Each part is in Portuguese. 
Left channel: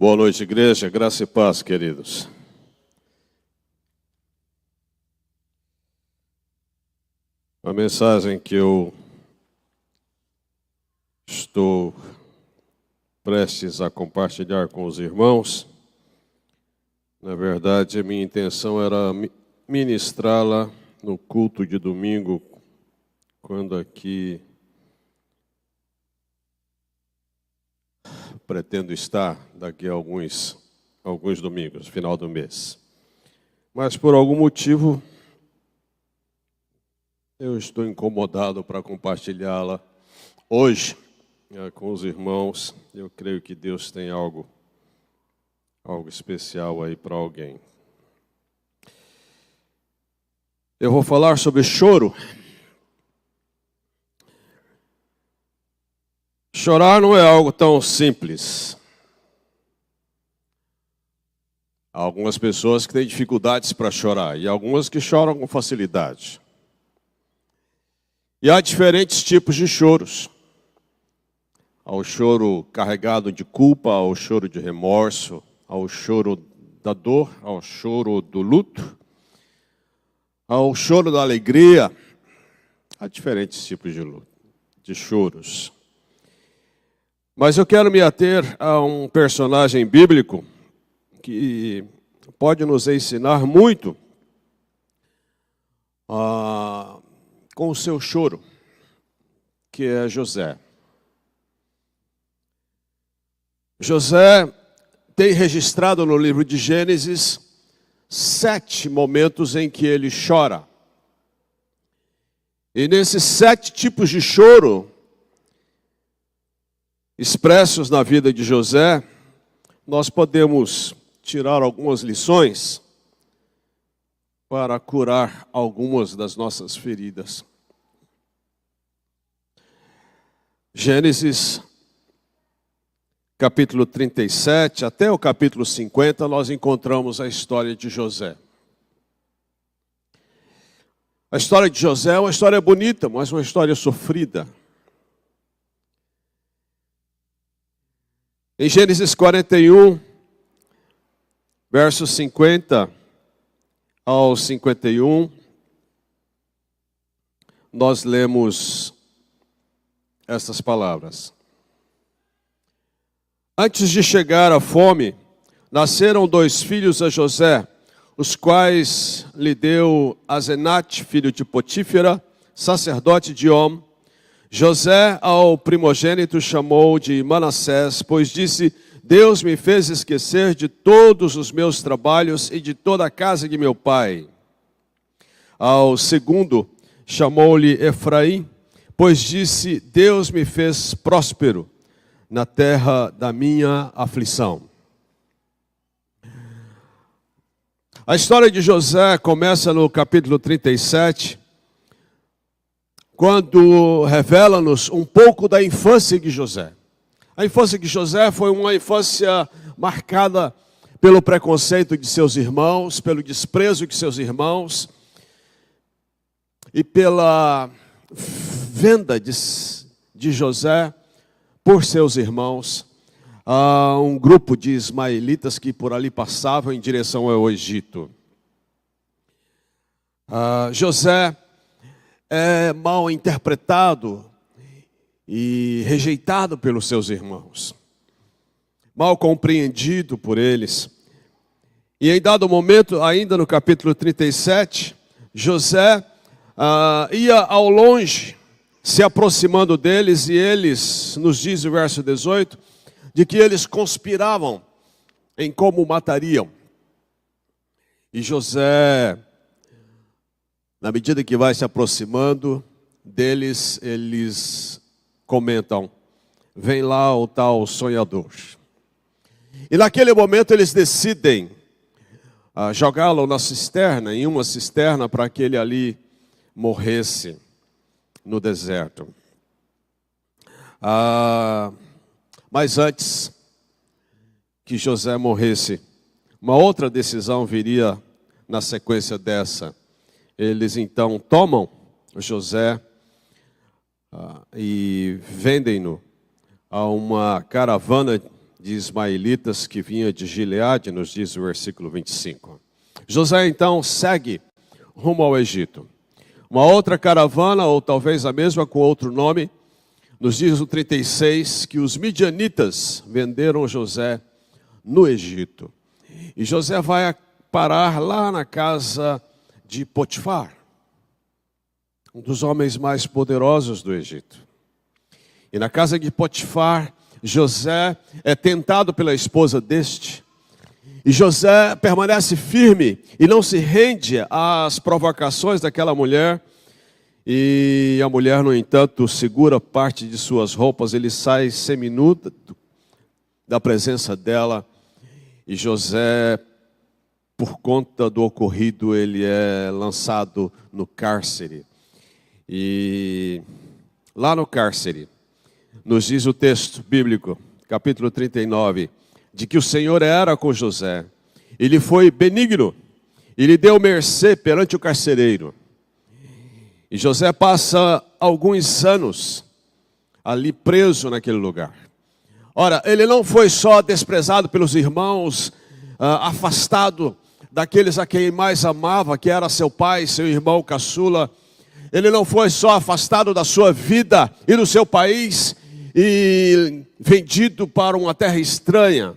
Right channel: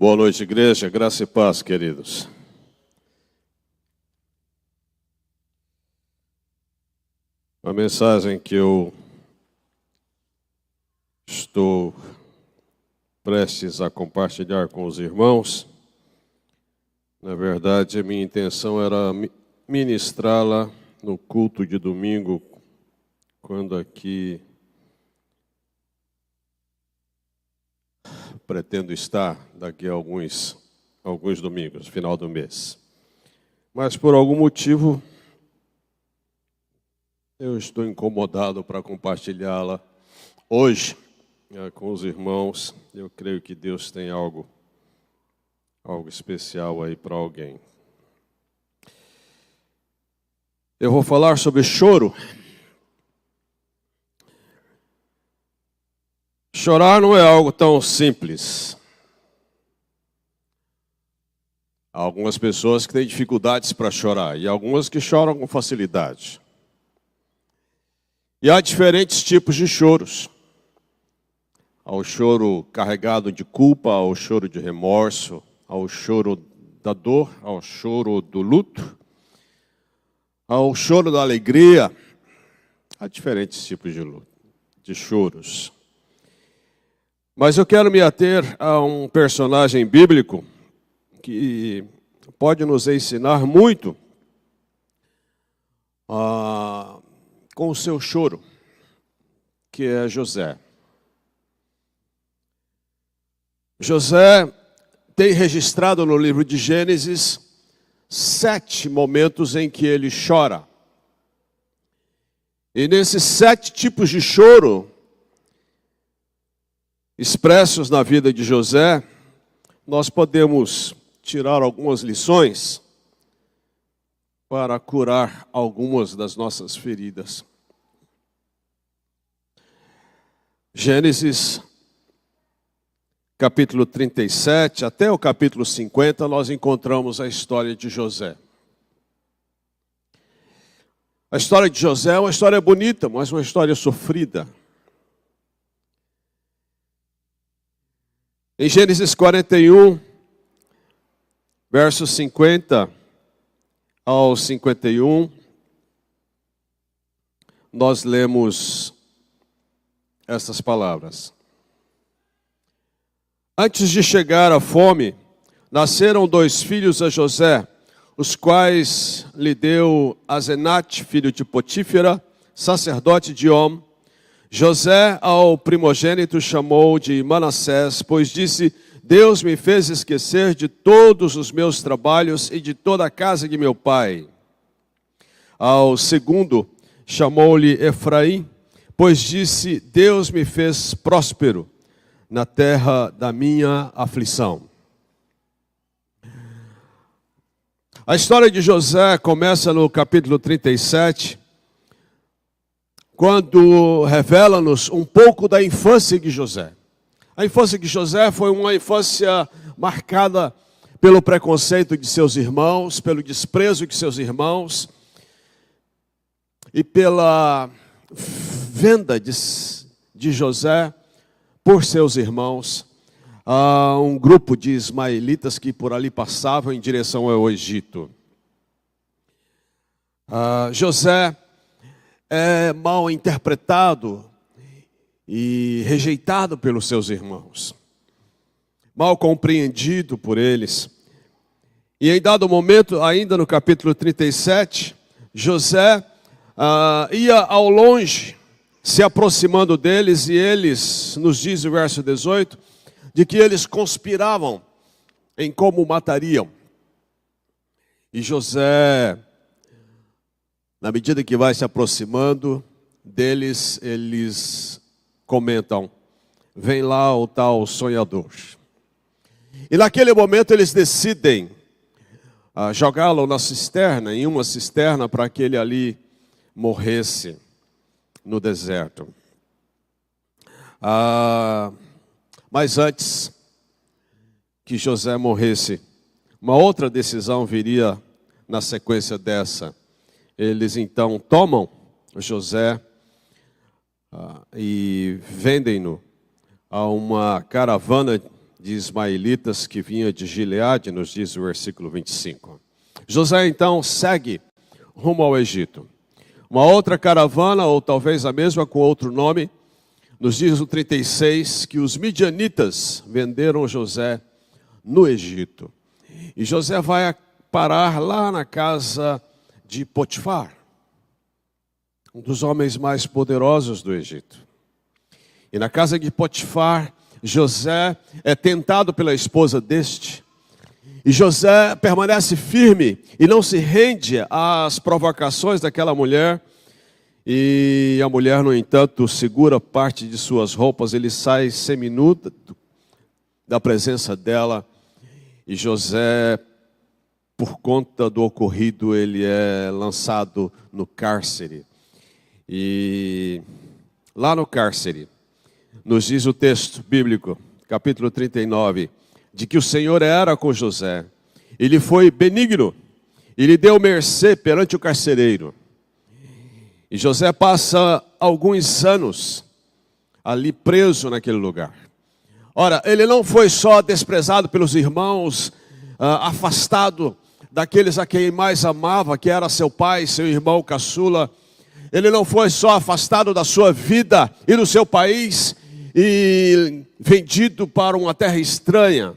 Boa noite, igreja. Graça e paz, queridos. A mensagem que eu estou prestes a compartilhar com os irmãos, na verdade, a minha intenção era ministrá-la no culto de domingo, quando aqui pretendo estar daqui a alguns domingos, final do mês. Mas por algum motivo eu estou incomodado para compartilhá-la hoje com os irmãos. Eu creio que Deus tem algo especial aí para alguém. Eu vou falar sobre choro. Chorar não é algo tão simples. Há algumas pessoas que têm dificuldades para chorar e algumas que choram com facilidade. E há diferentes tipos de choros. Há o choro carregado de culpa, há o choro de remorso, há o choro da dor, há o choro do luto, há o choro da alegria. Há diferentes tipos de choros. Mas eu quero me ater a um personagem bíblico que pode nos ensinar muito com o seu choro, que é José. José tem registrado no livro de Gênesis 7 momentos em que ele chora. E nesses 7 tipos de choro expressos na vida de José, nós podemos tirar algumas lições para curar algumas das nossas feridas. Gênesis, capítulo 37, até o capítulo 50, nós encontramos a história de José. A história de José é uma história bonita, mas uma história sofrida. Em Gênesis 41, versos 50 ao 51, nós lemos essas palavras. Antes de chegar a fome, nasceram 2 filhos a José, os quais lhe deu Asenate, filho de Potífera, sacerdote de On. José ao primogênito chamou de Manassés, pois disse: Deus me fez esquecer de todos os meus trabalhos e de toda a casa de meu pai. Ao segundo chamou-lhe Efraim, pois disse: Deus me fez próspero na terra da minha aflição. A história de José começa no capítulo 37, quando revela-nos um pouco da infância de José. A infância de José foi uma infância marcada pelo preconceito de seus irmãos, pelo desprezo de seus irmãos e pela venda de José por seus irmãos a um grupo de ismaelitas que por ali passavam em direção ao Egito. José é mal interpretado e rejeitado pelos seus irmãos, mal compreendido por eles. E em dado momento, ainda no capítulo 37, José ia ao longe, se aproximando deles, e eles, nos diz o verso 18, de que eles conspiravam em como matariam. E José, na medida que vai se aproximando deles, eles comentam: vem lá o tal sonhador. E naquele momento eles decidem jogá-lo na cisterna, em uma cisterna, para que ele ali morresse no deserto. Mas antes que José morresse, uma outra decisão viria na sequência dessa. Eles então tomam José e vendem-no a uma caravana de ismaelitas que vinha de Gileade, nos diz o versículo 25. José então segue rumo ao Egito. Uma outra caravana, ou talvez a mesma com outro nome, nos diz o 36 que os midianitas venderam José no Egito. E José vai parar lá na casa de Potifar, um dos homens mais poderosos do Egito. E na casa de Potifar, José é tentado pela esposa deste. E José permanece firme e não se rende às provocações daquela mulher. E a mulher, no entanto, segura parte de suas roupas. Ele sai seminu da presença dela. E José, por conta do ocorrido, ele é lançado no cárcere. E lá no cárcere, nos diz o texto bíblico, capítulo 39, de que o Senhor era com José. Ele foi benigno, ele deu mercê perante o carcereiro. E José passa alguns anos ali preso naquele lugar. Ora, ele não foi só desprezado pelos irmãos, afastado daqueles a quem mais amava, que era seu pai, seu irmão caçula. Ele não foi só afastado da sua vida e do seu país e vendido para uma terra estranha.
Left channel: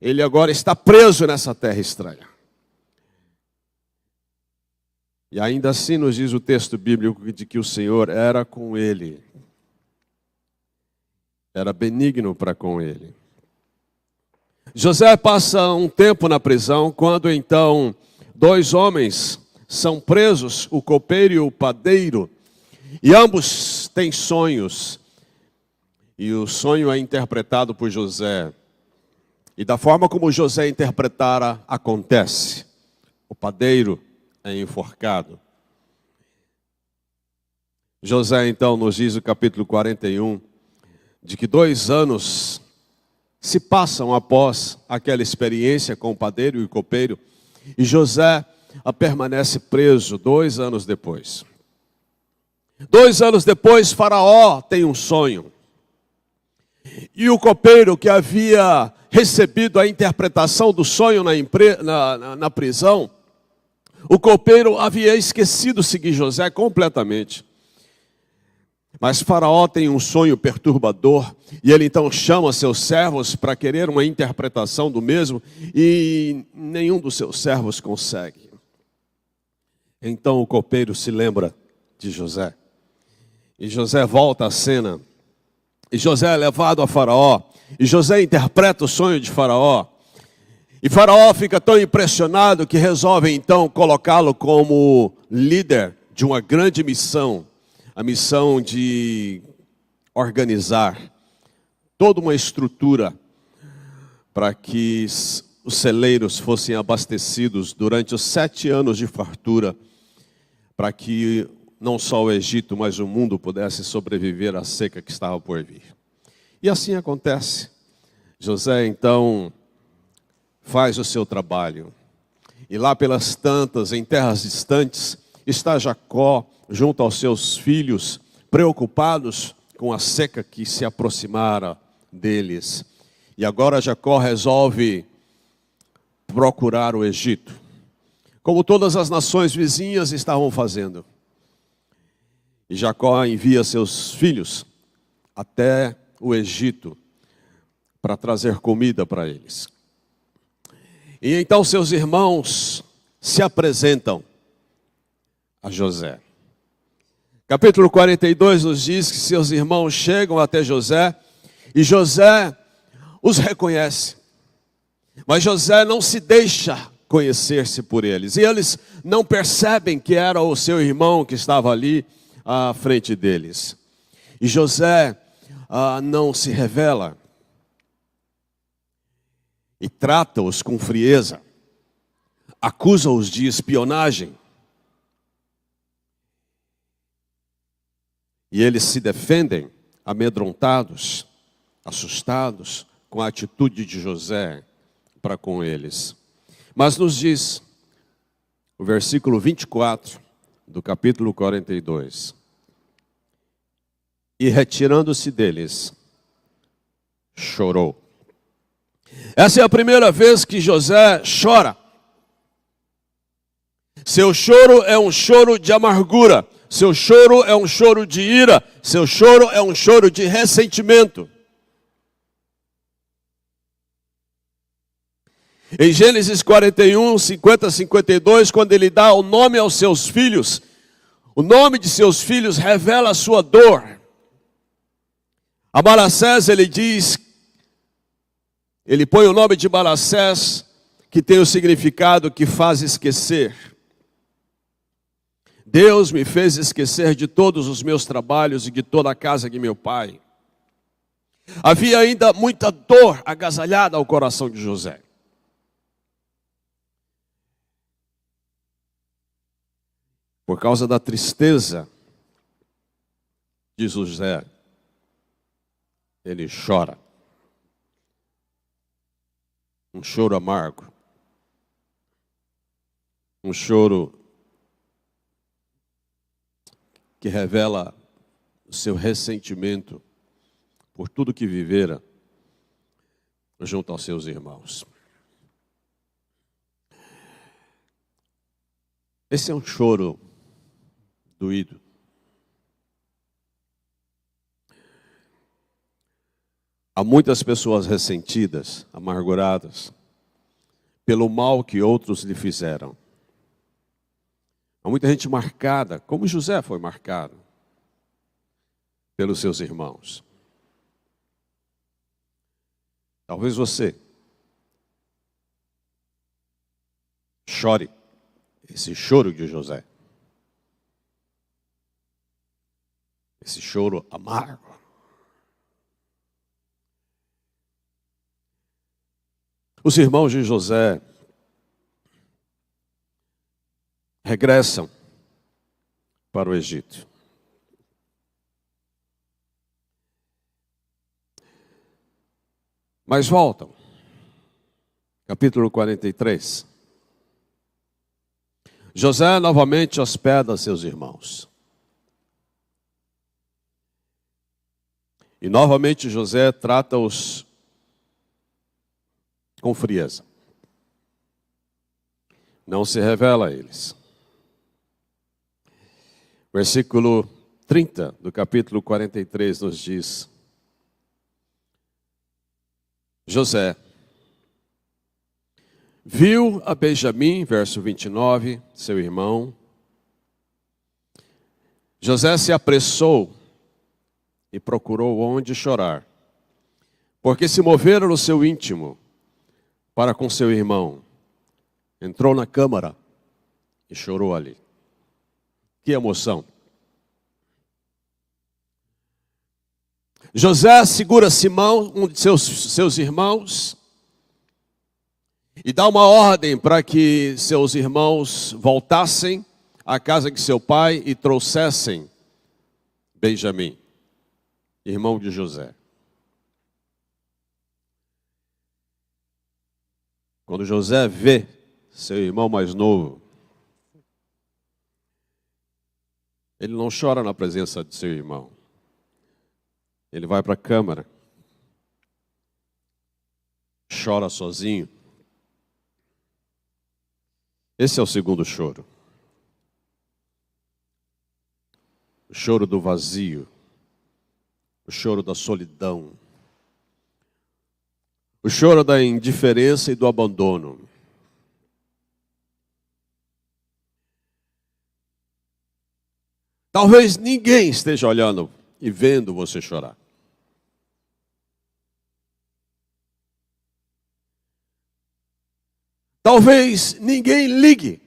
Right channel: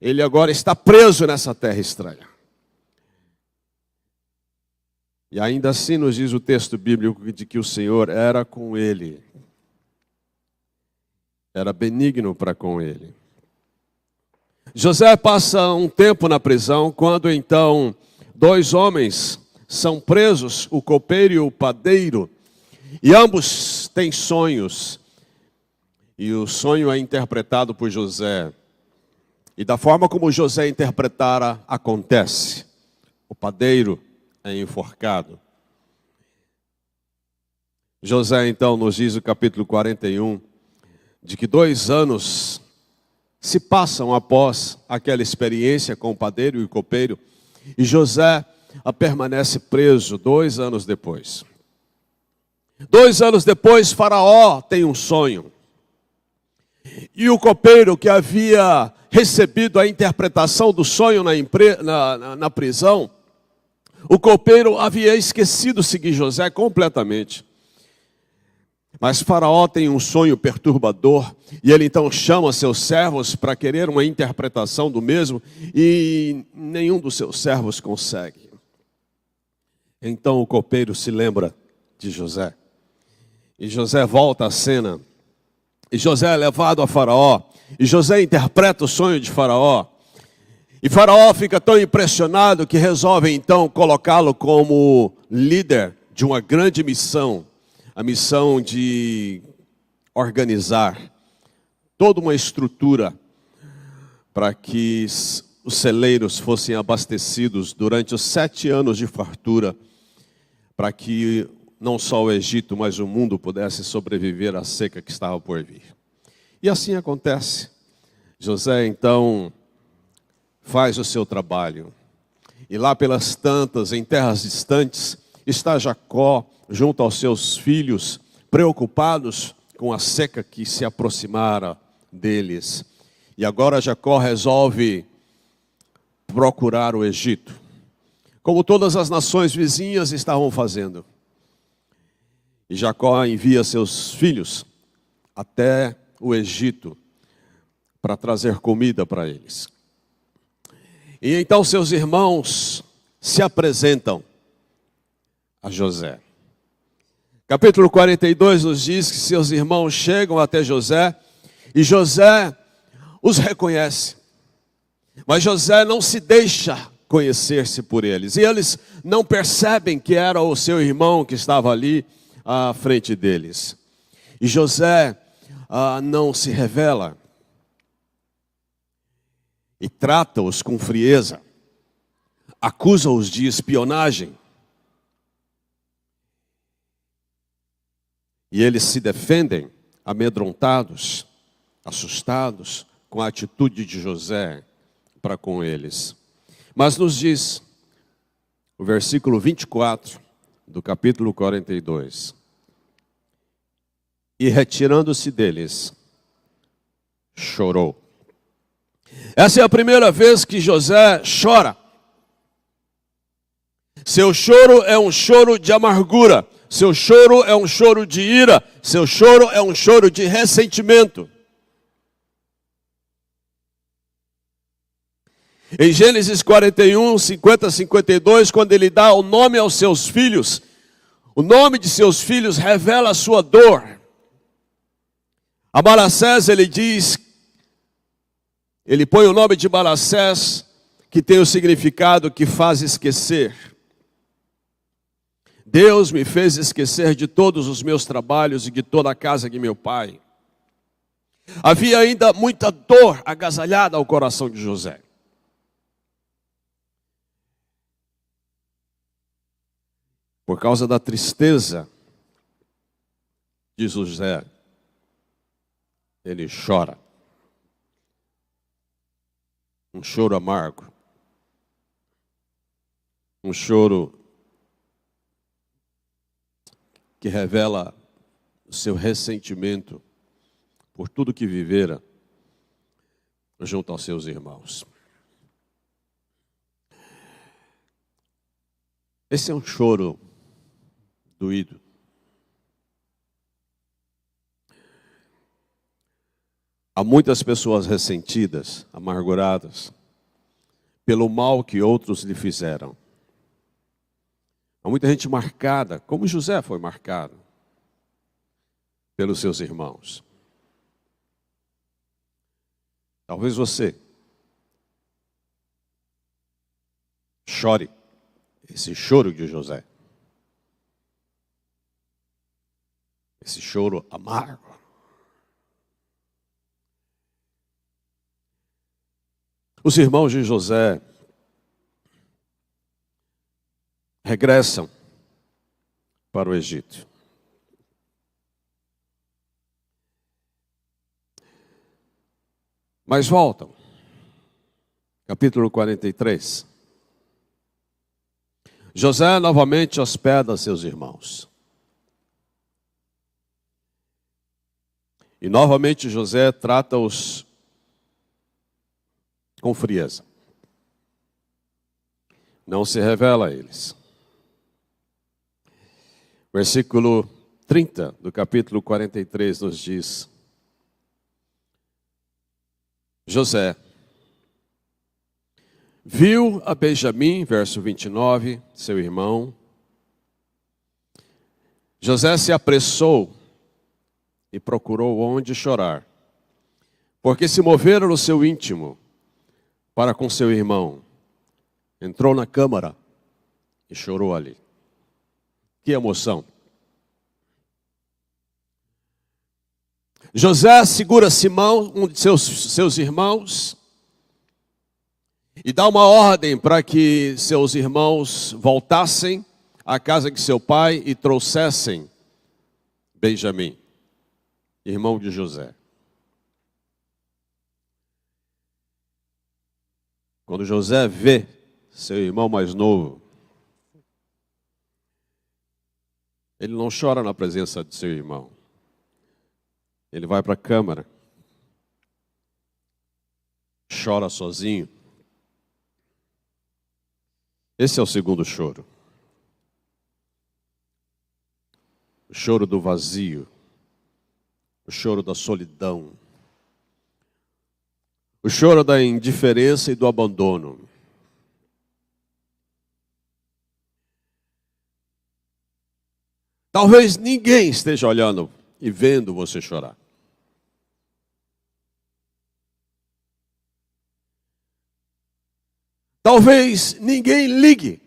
Ele agora está preso nessa terra estranha. E ainda assim nos diz o texto bíblico de que o Senhor era com ele. Era benigno para com ele. José passa um tempo na prisão, quando então 2 homens são presos, o copeiro e o padeiro, e ambos têm sonhos, e o sonho é interpretado por José, e da forma como José interpretara, acontece. O padeiro é enforcado. José então nos diz no capítulo 41, de que 2 anos se passam após aquela experiência com o padeiro e o copeiro, e José permanece preso 2 anos depois. 2 anos depois, Faraó tem um sonho. E o copeiro que havia recebido a interpretação do sonho na prisão, o copeiro havia esquecido seguir José completamente. Mas Faraó tem um sonho perturbador, e ele então chama seus servos para querer uma interpretação do mesmo, e nenhum dos seus servos consegue. Então o copeiro se lembra de José, e José volta à cena, e José é levado a Faraó, e José interpreta o sonho de Faraó, e Faraó fica tão impressionado que resolve então colocá-lo como líder de uma grande missão, a missão de organizar toda uma estrutura para que os celeiros fossem abastecidos durante os 7 anos de fartura, para que não só o Egito, mas o mundo pudesse sobreviver à seca que estava por vir. E assim acontece. José então faz o seu trabalho. E lá pelas tantas, em terras distantes, está Jacó junto aos seus filhos, preocupados com a seca que se aproximara deles. E agora Jacó resolve procurar o Egito, como todas as nações vizinhas estavam fazendo. E Jacó envia seus filhos até o Egito para trazer comida para eles. E então seus irmãos se apresentam a José. Capítulo 42 nos diz que seus irmãos chegam até José e José os reconhece. Mas José não se deixa conhecer-se por eles. E eles não percebem que era o seu irmão que estava ali à frente deles. E José não se revela. E trata-os com frieza. Acusa-os de espionagem. E eles se defendem, amedrontados, assustados com a atitude de José para com eles. Mas nos diz o versículo 24 do capítulo 42. E retirando-se deles, chorou. Essa é a primeira vez que José chora. Seu choro é um choro de amargura. Seu choro é um choro de ira. Seu choro é um choro de ressentimento. Em Gênesis 41, 50, 52, quando ele dá o nome aos seus filhos, o nome de seus filhos revela a sua dor. A Manassés ele diz, ele põe o nome de Manassés, que tem o significado que faz esquecer. Deus me fez esquecer de todos os meus trabalhos e de toda a casa de meu pai. Havia ainda muita dor agasalhada ao coração de José. Por causa da tristeza de José, ele chora. Um choro amargo. Um choro que revela o seu ressentimento por tudo que vivera junto aos seus irmãos. Esse é um choro doído. Há muitas pessoas ressentidas, amarguradas, pelo mal que outros lhe fizeram. Há muita gente marcada, como José foi marcado, pelos seus irmãos. Talvez você chore esse choro de José. Esse choro amargo. Os irmãos de José regressam para o Egito. Mas voltam. Capítulo 43. José novamente hospeda seus irmãos. E novamente José trata-os com frieza. Não se revela a eles. Versículo 30 do capítulo 43 nos diz: José viu a Benjamim, verso 29, seu irmão. José se apressou e procurou onde chorar, porque se moveram no seu íntimo para com seu irmão. Entrou na câmara e chorou ali. Que emoção! José segura Simão, um de seus irmãos, e dá uma ordem para que seus irmãos voltassem à casa de seu pai e trouxessem Benjamim, irmão de José. Quando José vê seu irmão mais novo, ele não chora na presença de seu irmão. Ele vai para a câmara, chora sozinho. Esse é o segundo choro. O choro do vazio. O choro da solidão. O choro da indiferença e do abandono. Talvez ninguém esteja olhando e vendo você chorar. Talvez ninguém ligue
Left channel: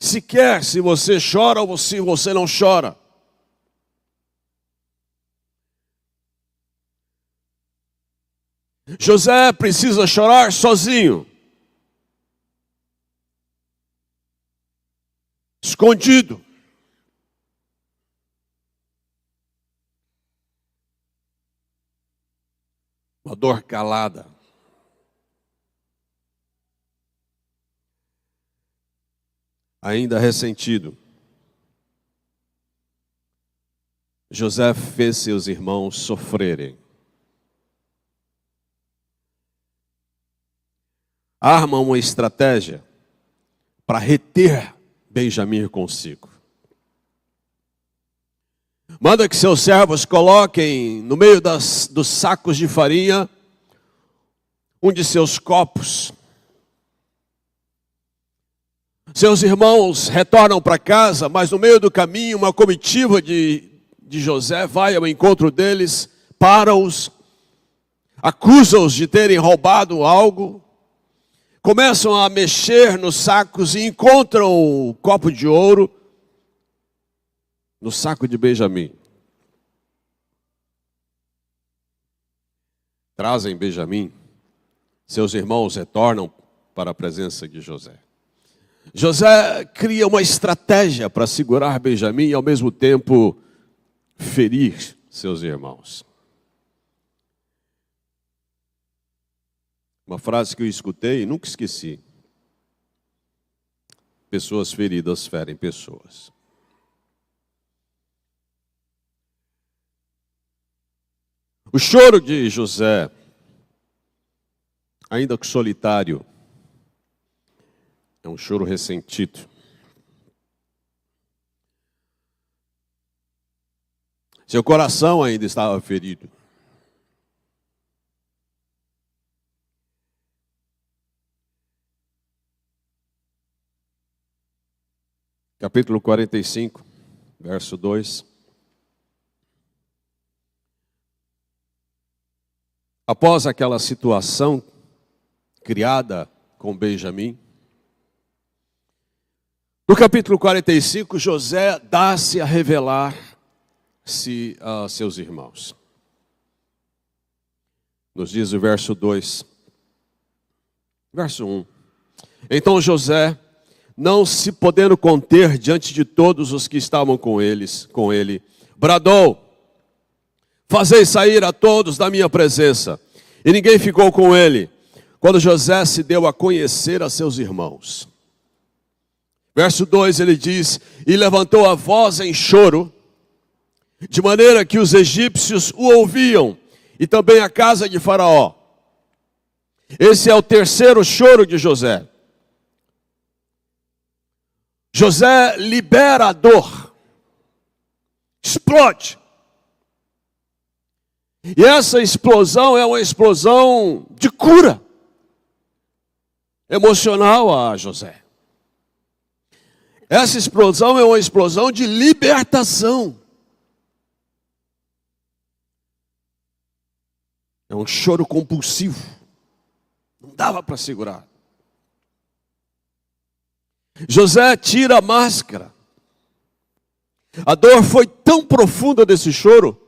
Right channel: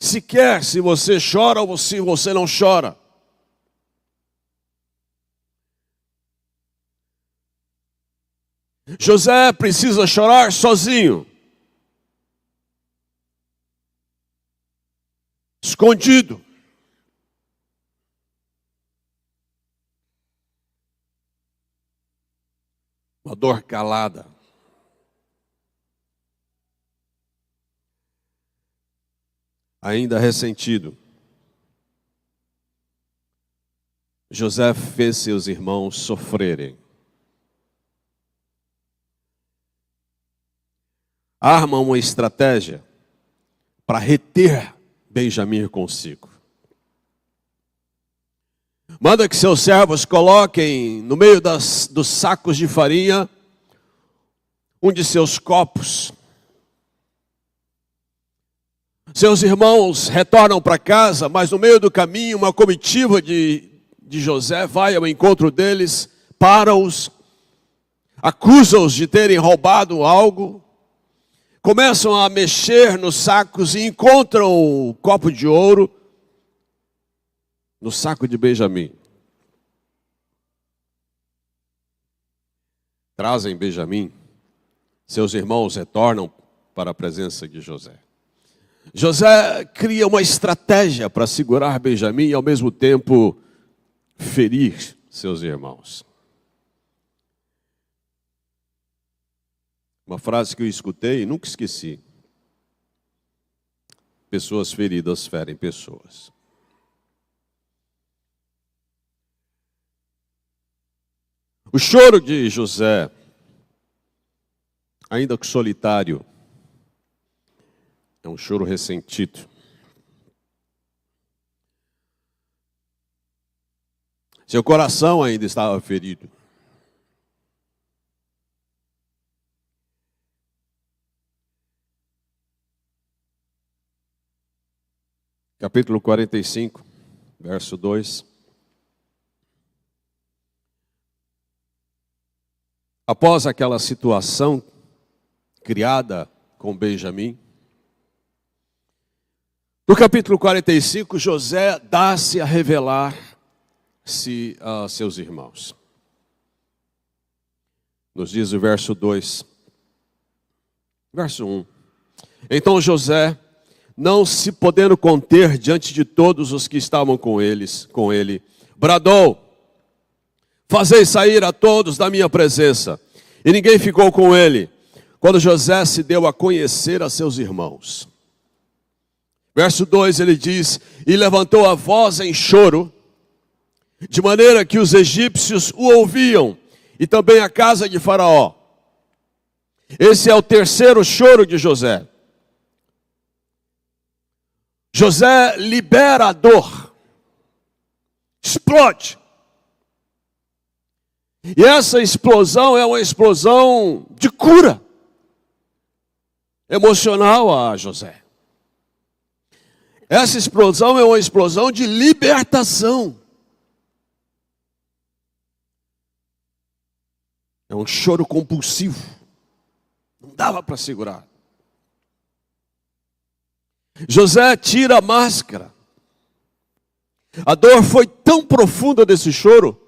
sequer se você chora ou se você não chora. José precisa chorar sozinho, escondido. Uma dor calada. Ainda ressentido. José fez seus irmãos sofrerem. arma uma estratégia para reter Benjamim consigo. Manda que seus servos coloquem no meio dos sacos de farinha um de seus copos. Seus irmãos retornam para casa, mas no meio do caminho uma comitiva de José vai ao encontro deles, para-os, acusa-os de terem roubado algo, começam a mexer nos sacos e encontram o copo de ouro no saco de Benjamim. Trazem Benjamim, seus irmãos retornam para a presença de José. José cria uma estratégia para segurar Benjamim e ao mesmo tempo ferir seus irmãos. Uma frase que eu escutei e nunca esqueci. Pessoas feridas ferem pessoas. O choro de José, ainda que solitário, é um choro ressentido. Seu coração ainda estava ferido. Capítulo 45, verso 2. Após aquela situação criada com Benjamim, no capítulo 45, José dá-se a revelar-se a seus irmãos. Nos diz o verso 2. Verso 1. Então José, não se podendo conter diante de todos os que estavam com ele, bradou: fazei sair a todos da minha presença. E ninguém ficou com ele, quando José se deu a conhecer a seus irmãos. Verso 2, ele diz: e levantou a voz em choro, de maneira que os egípcios o ouviam, e também a casa de Faraó. Esse é o terceiro choro de José. José libera a dor, explode. E essa explosão é uma explosão de cura emocional a José. Essa explosão é uma explosão de libertação. É um choro compulsivo. Não dava para segurar. José tira a máscara. A dor foi tão profunda desse choro,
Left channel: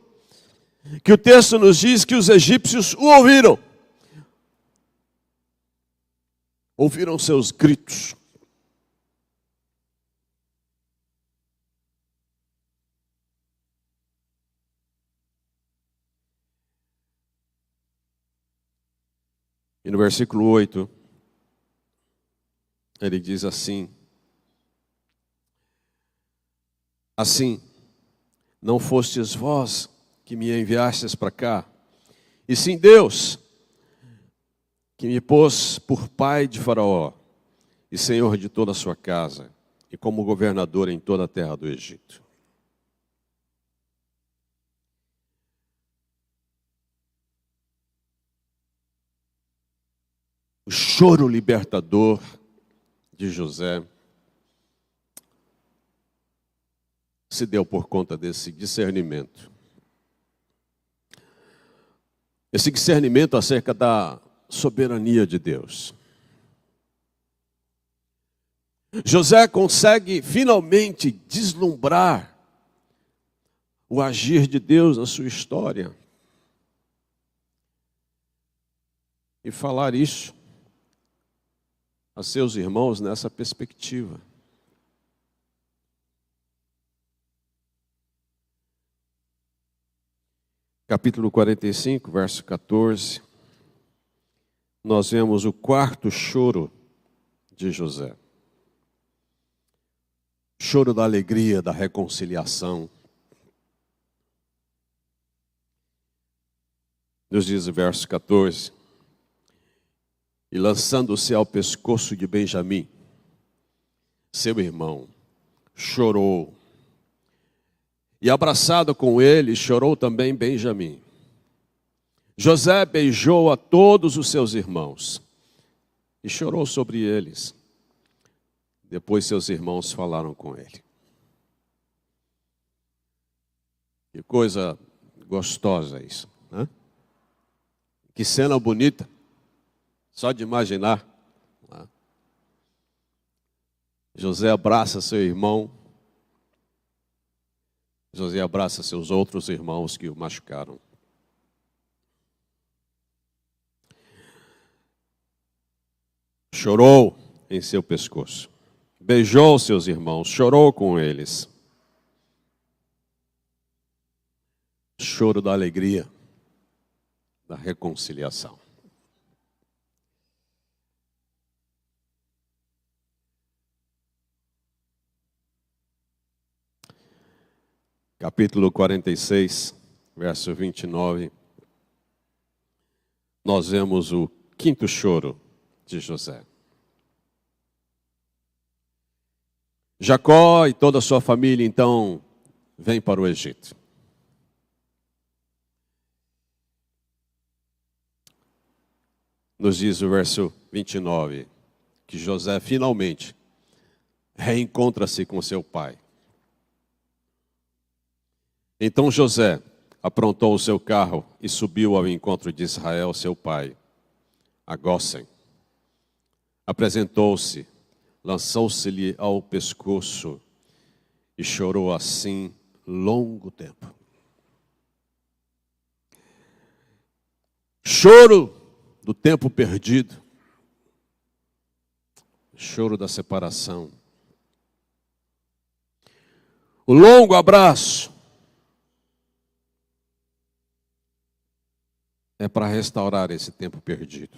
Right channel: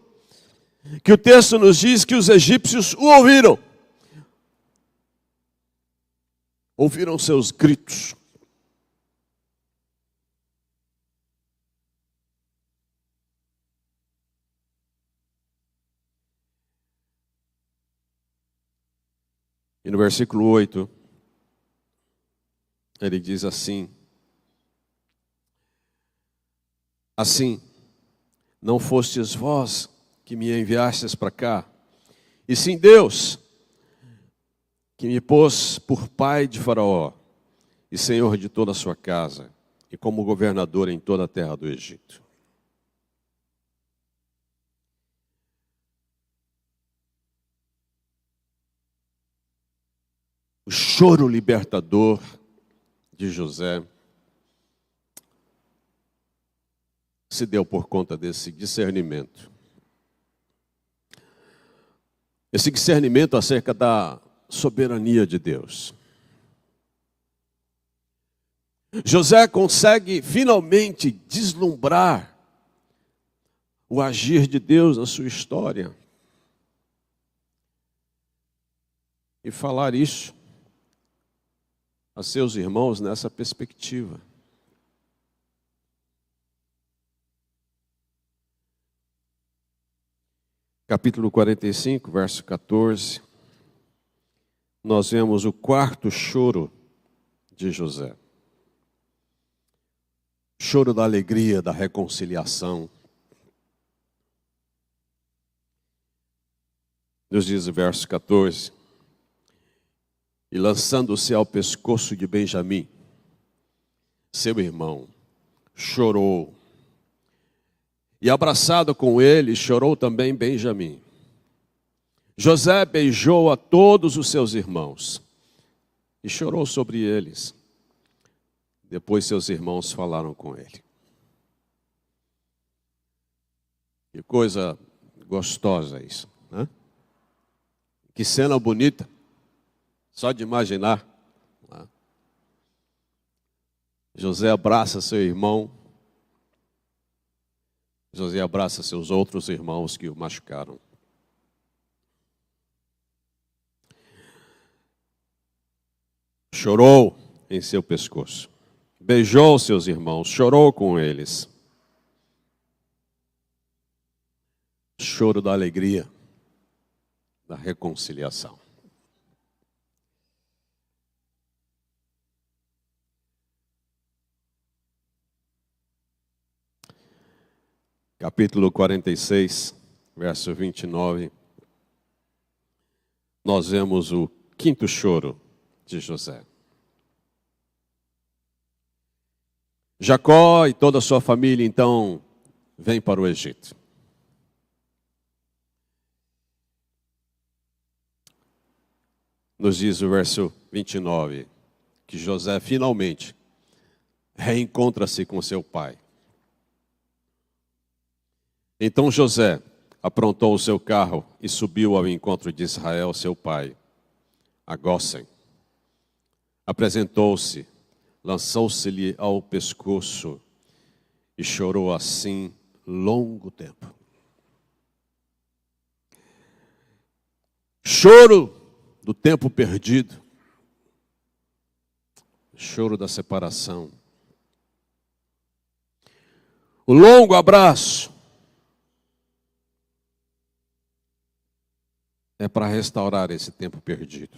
que o texto nos diz que os egípcios o ouviram. Ouviram seus gritos. E no versículo 8, ele diz assim: assim, não fostes vós que me enviastes para cá, e sim Deus, que me pôs por pai de Faraó, e senhor de toda a sua casa, e como governador em toda a terra do Egito. O choro libertador de José se deu por conta desse discernimento. Esse discernimento acerca da soberania de Deus. José consegue finalmente deslumbrar o agir de Deus na sua história e falar isso a seus irmãos nessa perspectiva. Capítulo 45, verso 14, nós vemos o quarto choro de José. Choro da alegria, da reconciliação. Nos diz o verso 14: e lançando-se ao pescoço de Benjamim, seu irmão, chorou. E abraçado com ele, chorou também Benjamim. José beijou a todos os seus irmãos e chorou sobre eles. Depois seus irmãos falaram com ele. Que coisa gostosa isso, né? Que cena bonita, só de imaginar. Né? José abraça seu irmão. José abraça seus outros irmãos que o machucaram. Chorou em seu pescoço. Beijou seus irmãos, chorou com eles. Choro da alegria, da reconciliação. Capítulo 46, verso 29. Nós vemos o quinto choro de José. Jacó e toda a sua família, então, vêm para o Egito. Nos diz o verso 29, que José finalmente reencontra-se com seu pai. Então José aprontou o seu carro e subiu ao encontro de Israel, seu pai, a Gósen. Apresentou-se, lançou-se-lhe ao pescoço e chorou assim longo tempo. Choro do tempo perdido, choro da separação. O longo abraço é para restaurar esse tempo perdido.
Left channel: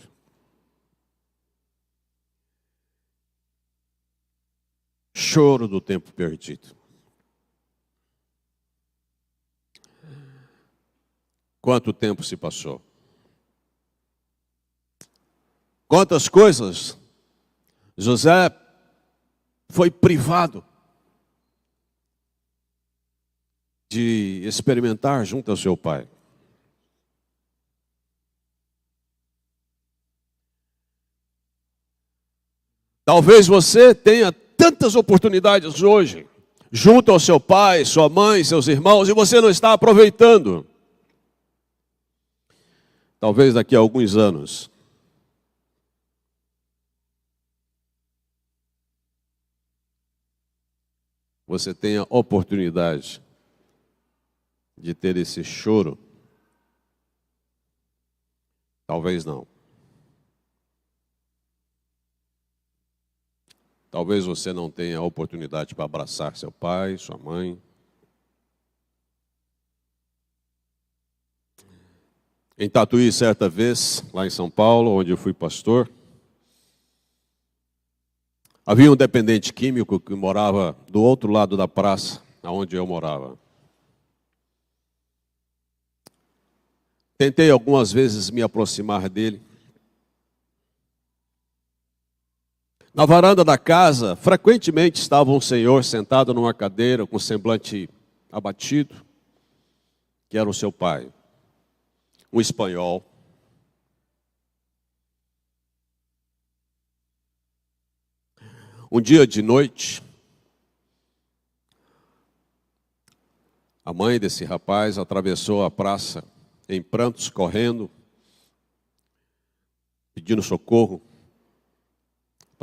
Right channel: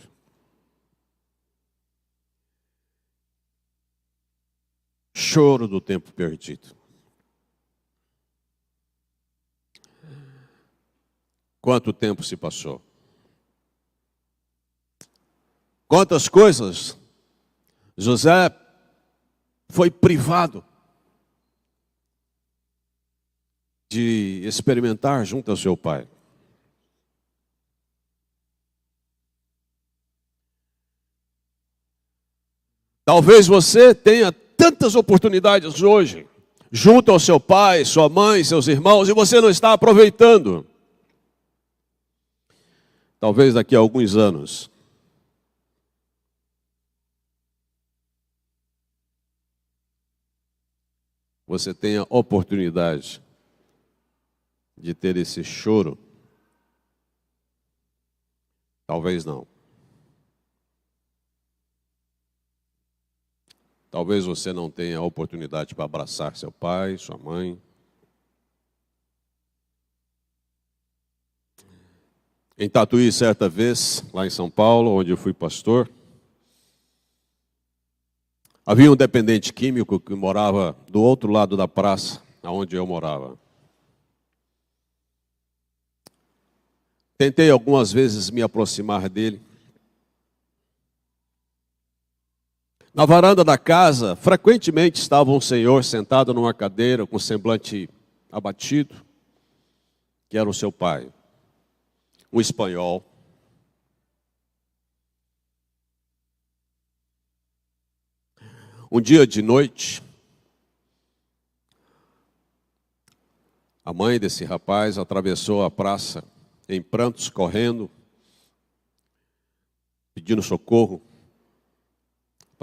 Choro do tempo perdido. Quanto tempo se passou? Quantas coisas José foi privado de experimentar junto ao seu pai. Talvez você tenha tantas oportunidades hoje, junto ao seu pai, sua mãe, seus irmãos, e você não está aproveitando. Talvez daqui a alguns anos, você tenha oportunidade de ter esse choro. Talvez não. Talvez você não tenha a oportunidade para abraçar seu pai, sua mãe. Em Tatuí, certa vez, lá em São Paulo, onde eu fui pastor, havia um dependente químico que morava do outro lado da praça, onde eu morava. Tentei algumas vezes me aproximar dele. Na varanda da casa, frequentemente estava um senhor sentado numa cadeira com semblante abatido, que era o seu pai, um espanhol. Um dia de noite, a mãe desse rapaz atravessou a praça em prantos, correndo, pedindo socorro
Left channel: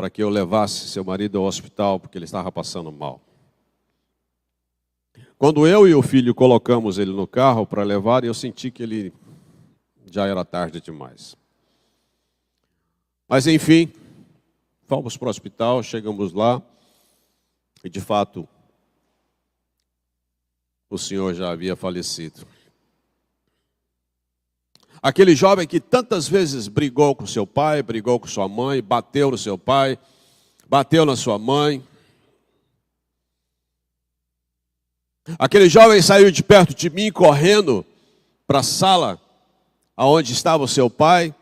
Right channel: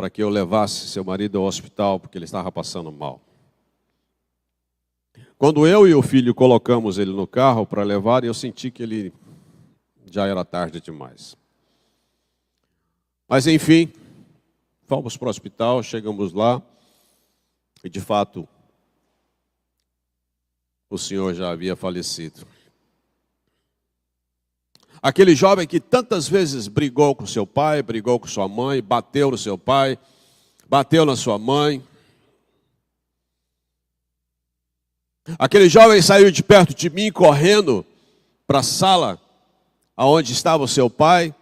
para que eu levasse seu marido ao hospital, porque ele estava passando mal. Quando eu e o filho colocamos ele no carro para levar, eu senti que ele já era tarde demais. Mas enfim, fomos para o hospital, chegamos lá e de fato o senhor já havia falecido. Aquele jovem que tantas vezes brigou com seu pai, brigou com sua mãe, bateu no seu pai, bateu na sua mãe. Aquele jovem saiu de perto de mim, correndo para a sala onde estava o seu pai,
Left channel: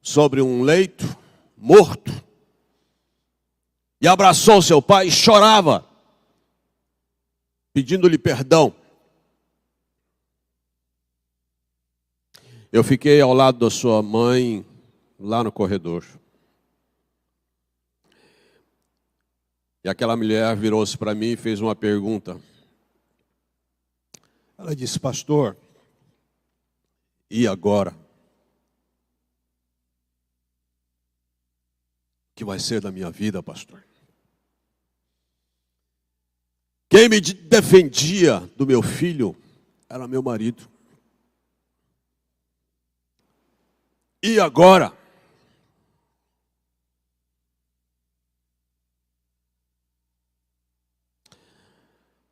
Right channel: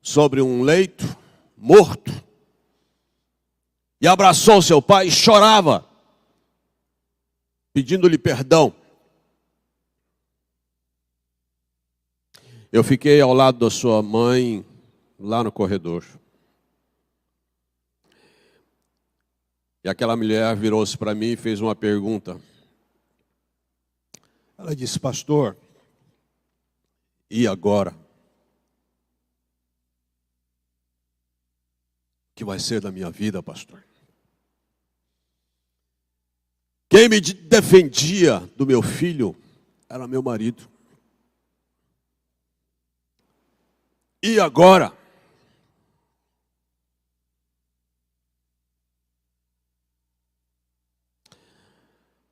sobre um leito, morto, e abraçou seu pai e chorava, pedindo-lhe perdão. Eu fiquei ao lado da sua mãe, lá no corredor. E aquela mulher virou-se para mim e fez uma pergunta. Ela disse: pastor, e agora? O que vai ser da minha vida, pastor? Quem me defendia do meu filho era meu marido. E agora?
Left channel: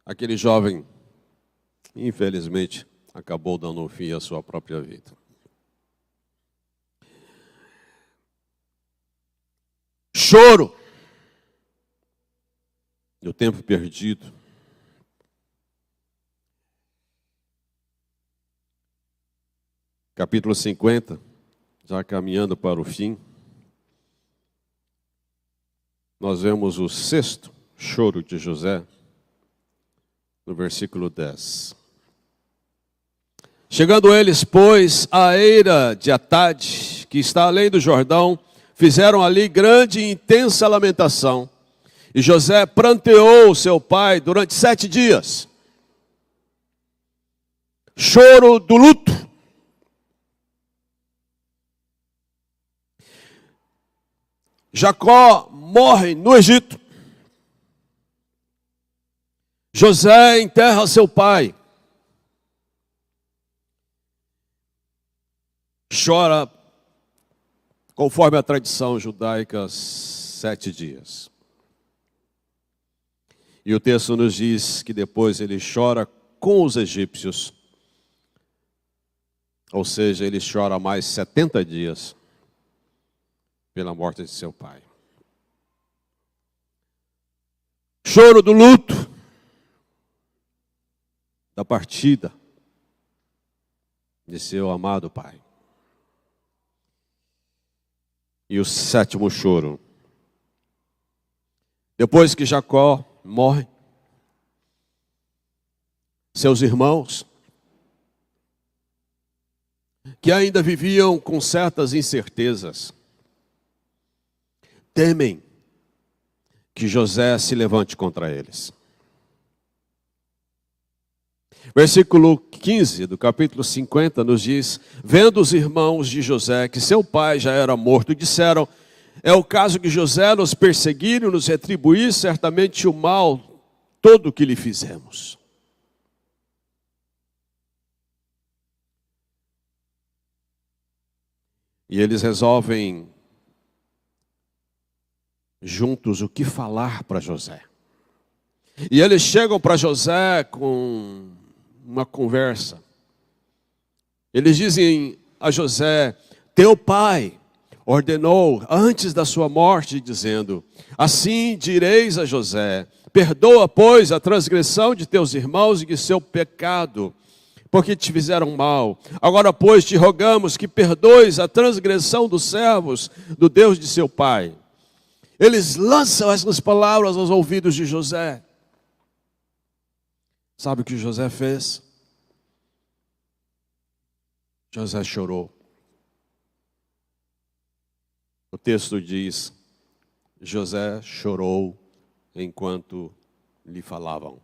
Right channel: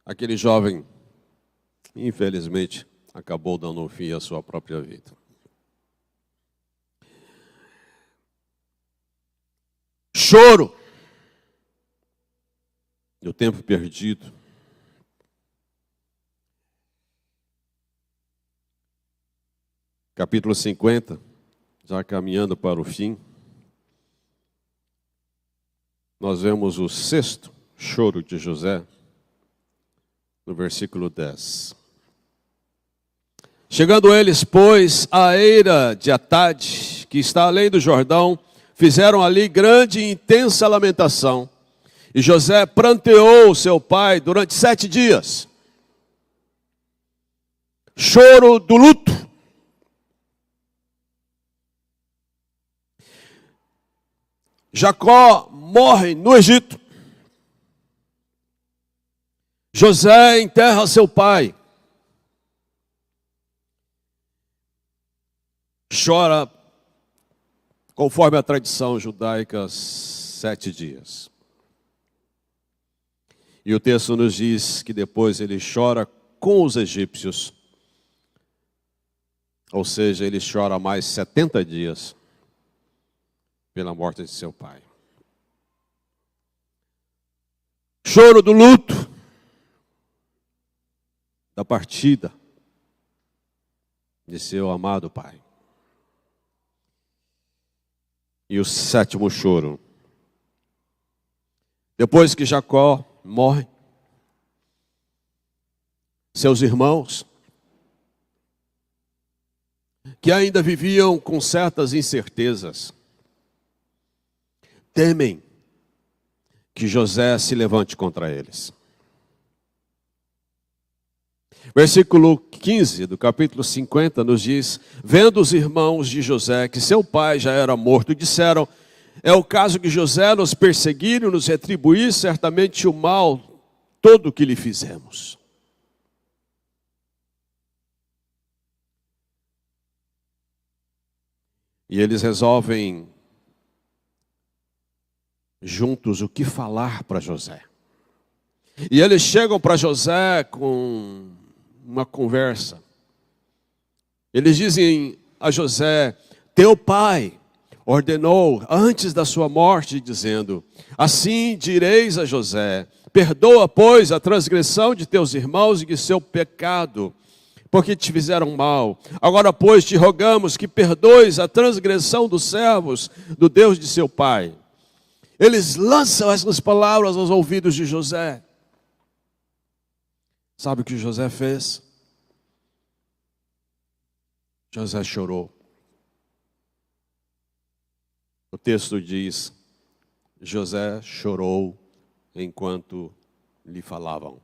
Aquele jovem, infelizmente, acabou dando um fim à sua própria vida. Choro do tempo perdido. Capítulo 50, já caminhando para o fim, nós vemos o sexto choro de José, no versículo 10. Chegando eles, pois, à eira de Atade, que está além do Jordão, fizeram ali grande e intensa lamentação. E José pranteou seu pai durante 7 dias. Choro do luto. Jacó morre no Egito. José enterra seu pai. Chora, conforme a tradição judaica, 7 dias. E o texto nos diz que depois ele chora com os egípcios. Ou seja, ele chora mais 70 dias pela morte de seu pai. Choro do luto, da partida de seu amado pai. E o 7º choro. Depois que Jacó morre, seus irmãos, que ainda viviam com certas incertezas, temem que José se levante contra eles. Versículo 15 do capítulo 50 nos diz: vendo os irmãos de José que seu pai já era morto, disseram: é o caso que José nos perseguir e nos retribuir certamente o mal todo que lhe fizemos. E eles resolvem juntos o que falar para José. E eles chegam para José com uma conversa. Eles dizem a José: teu pai ordenou antes da sua morte, dizendo: assim direis a José: perdoa, pois, a transgressão de teus irmãos e de seu pecado, porque te fizeram mal. Agora, pois, te rogamos que perdoes a transgressão dos servos do Deus de seu pai. Eles lançam essas palavras aos ouvidos de José. Sabe o que José fez? José chorou. O texto diz: José chorou enquanto lhe falavam.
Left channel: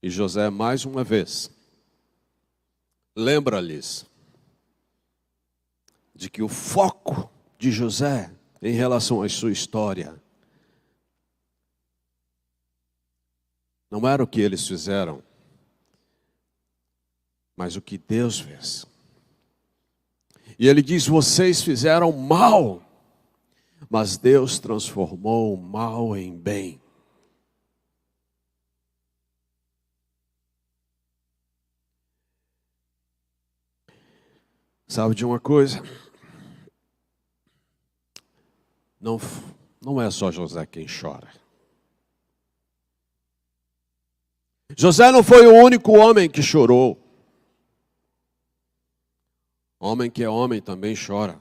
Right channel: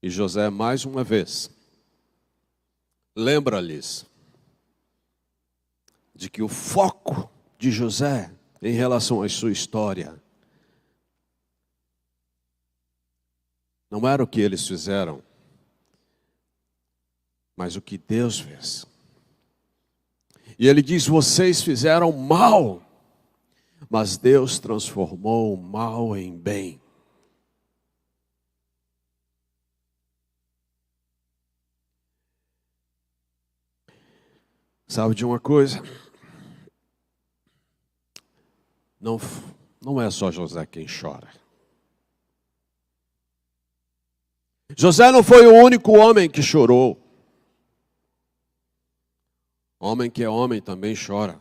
E José, mais uma vez, lembra-lhes de que o foco de José em relação à sua história não era o que eles fizeram, mas o que Deus fez. E ele diz: vocês fizeram mal, mas Deus transformou o mal em bem. Sabe de uma coisa? Não é só José quem chora. José não foi o único homem que chorou. Homem que é homem também chora.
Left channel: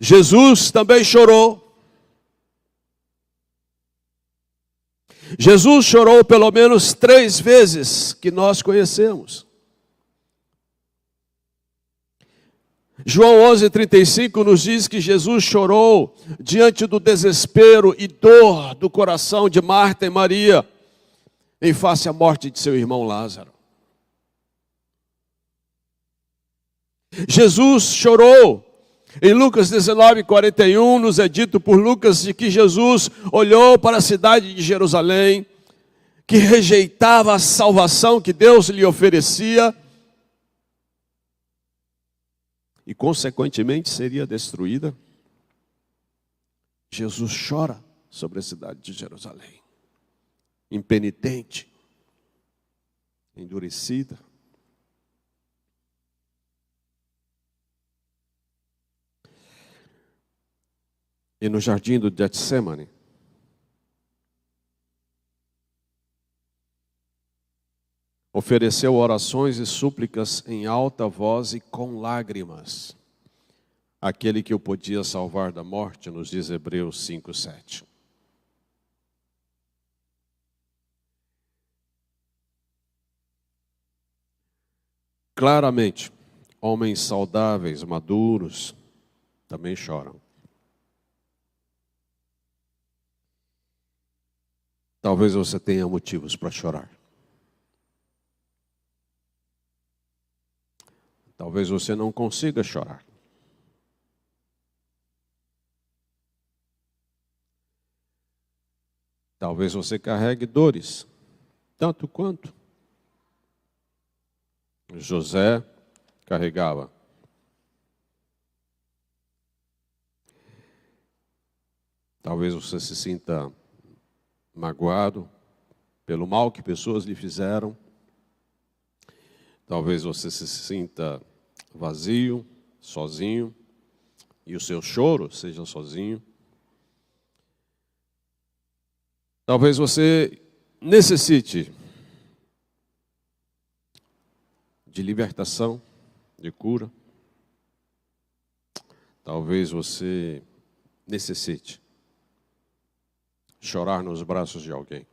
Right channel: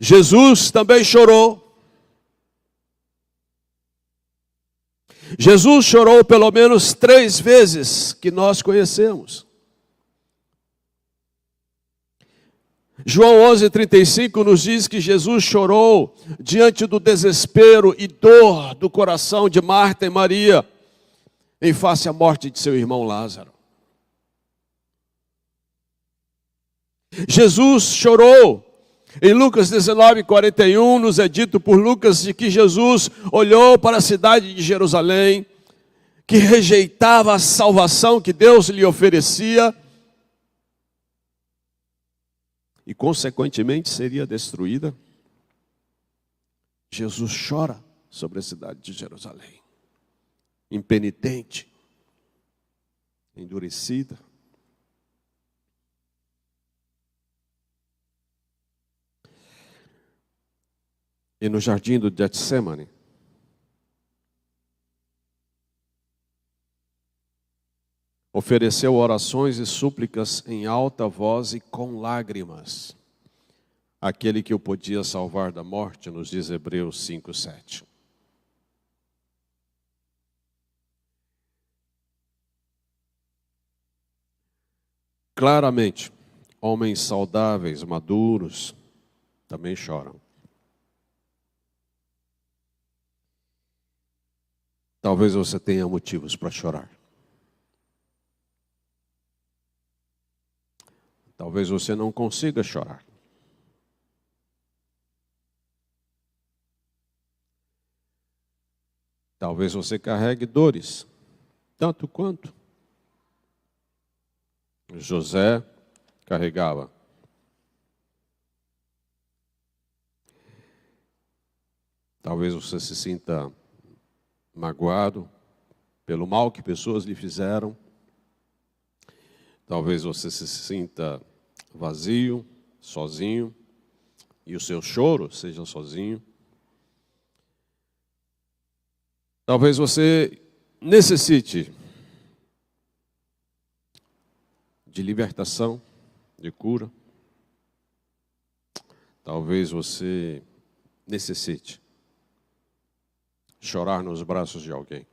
Jesus também chorou. Jesus chorou pelo menos 3 vezes que nós conhecemos. João 11:35 nos diz que Jesus chorou diante do desespero e dor do coração de Marta e Maria em face à morte de seu irmão Lázaro. Jesus chorou. Em Lucas 19:41 nos é dito por Lucas de que Jesus olhou para a cidade de Jerusalém, que rejeitava a salvação que Deus lhe oferecia e consequentemente seria destruída. Jesus chora sobre a cidade de Jerusalém, impenitente, endurecida. E no jardim do Getsemane, ofereceu orações e súplicas em alta voz e com lágrimas, aquele que o podia salvar da morte, nos diz Hebreus 5:7. Claramente, homens saudáveis, maduros, também choram. Talvez você tenha motivos para chorar. Talvez você não consiga chorar. Talvez você carregue dores, tanto quanto José carregava. Talvez você se sinta magoado pelo mal que pessoas lhe fizeram. Talvez você se sinta vazio, sozinho, e o seu choro seja sozinho. Talvez você necessite de libertação, de cura. Talvez você necessite chorar nos braços de alguém.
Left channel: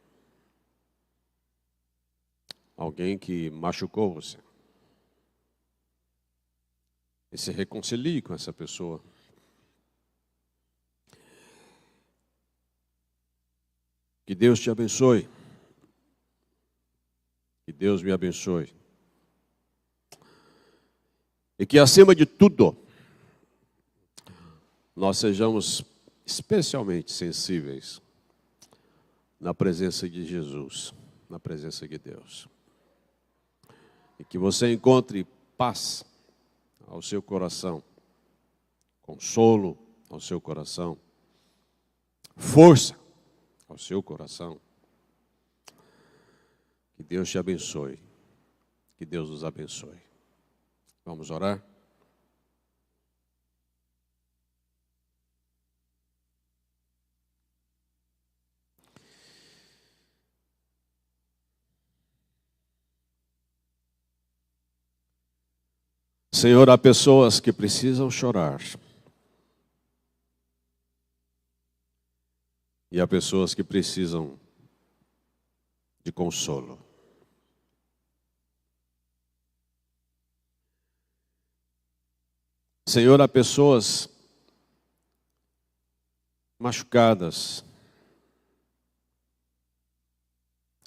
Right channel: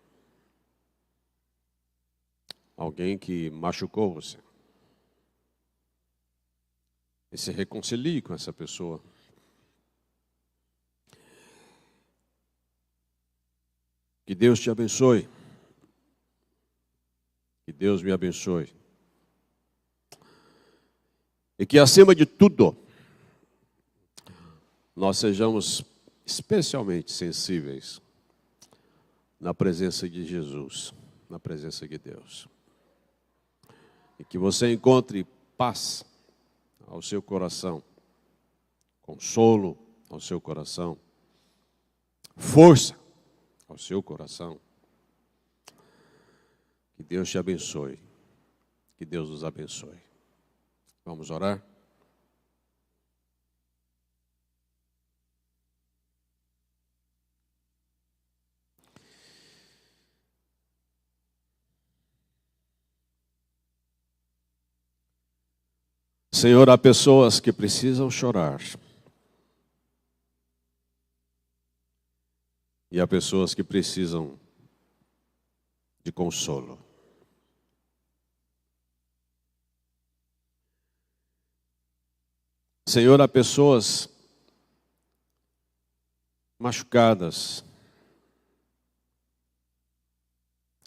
Alguém que machucou você. E se reconcilie com essa pessoa. Que Deus te abençoe. Que Deus me abençoe. E que, acima de tudo, nós sejamos especialmente sensíveis na presença de Jesus, na presença de Deus. E que você encontre paz ao seu coração, consolo ao seu coração, força ao seu coração. Que Deus te abençoe. Que Deus nos abençoe. Vamos orar? Senhor, há pessoas que precisam chorar. E há pessoas que precisam de consolo. Senhor, há pessoas machucadas,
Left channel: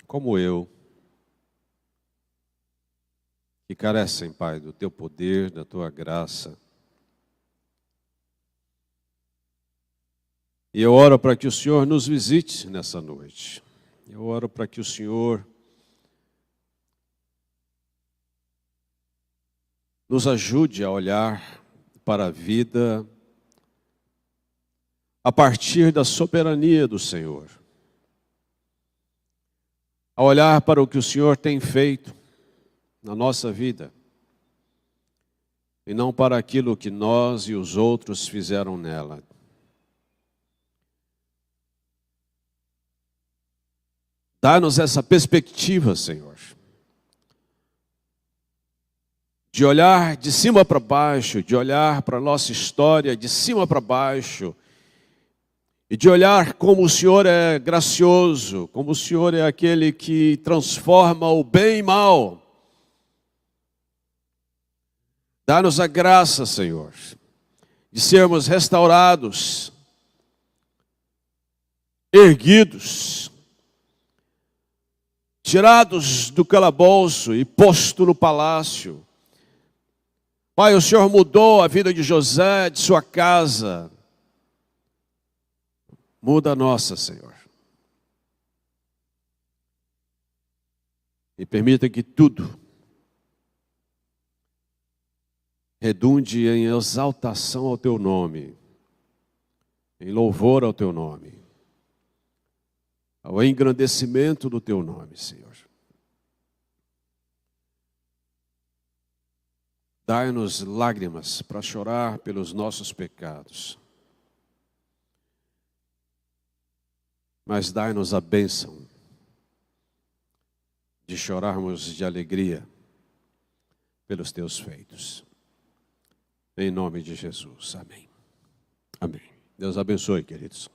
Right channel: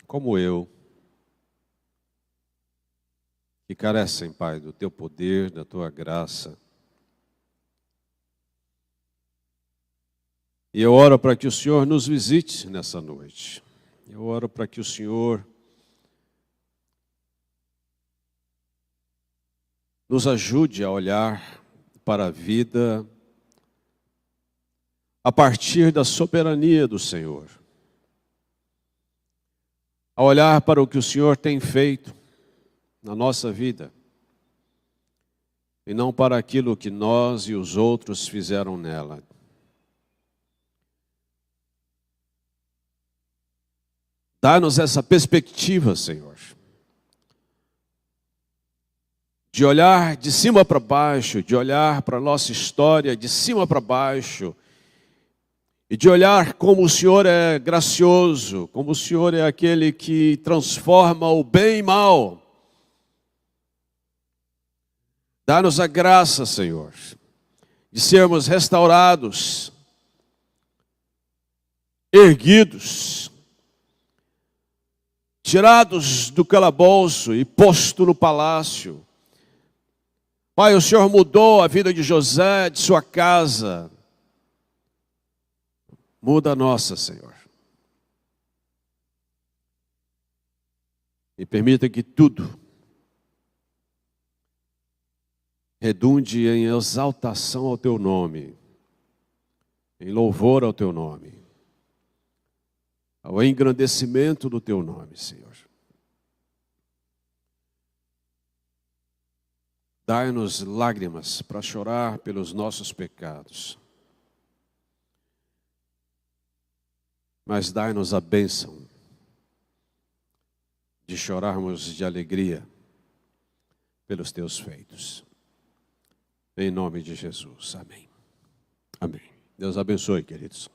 como eu, que carecem, Pai, do Teu poder, da Tua graça. E eu oro para que o Senhor nos visite nessa noite. Eu oro para que o Senhor nos ajude a olhar para a vida a partir da soberania do Senhor. A olhar para o que o Senhor tem feito na nossa vida e não para aquilo que nós e os outros fizeram nela. Dá-nos essa perspectiva, Senhor, de olhar de cima para baixo, de olhar para a nossa história de cima para baixo, e de olhar como o Senhor é gracioso, como o Senhor é aquele que transforma o bem em mal. Dá-nos a graça, Senhor, de sermos restaurados, erguidos, tirados do calabouço e posto no palácio. Pai, o Senhor mudou a vida de José, de sua casa. Muda a nossa, Senhor. E permita que tudo redunde em exaltação ao Teu nome, em louvor ao Teu nome, ao engrandecimento do Teu nome, Senhor. Dai-nos lágrimas para chorar pelos nossos pecados, mas dai-nos a bênção de chorarmos de alegria pelos Teus feitos. Em nome de Jesus. Amém. Amém. Deus abençoe, queridos.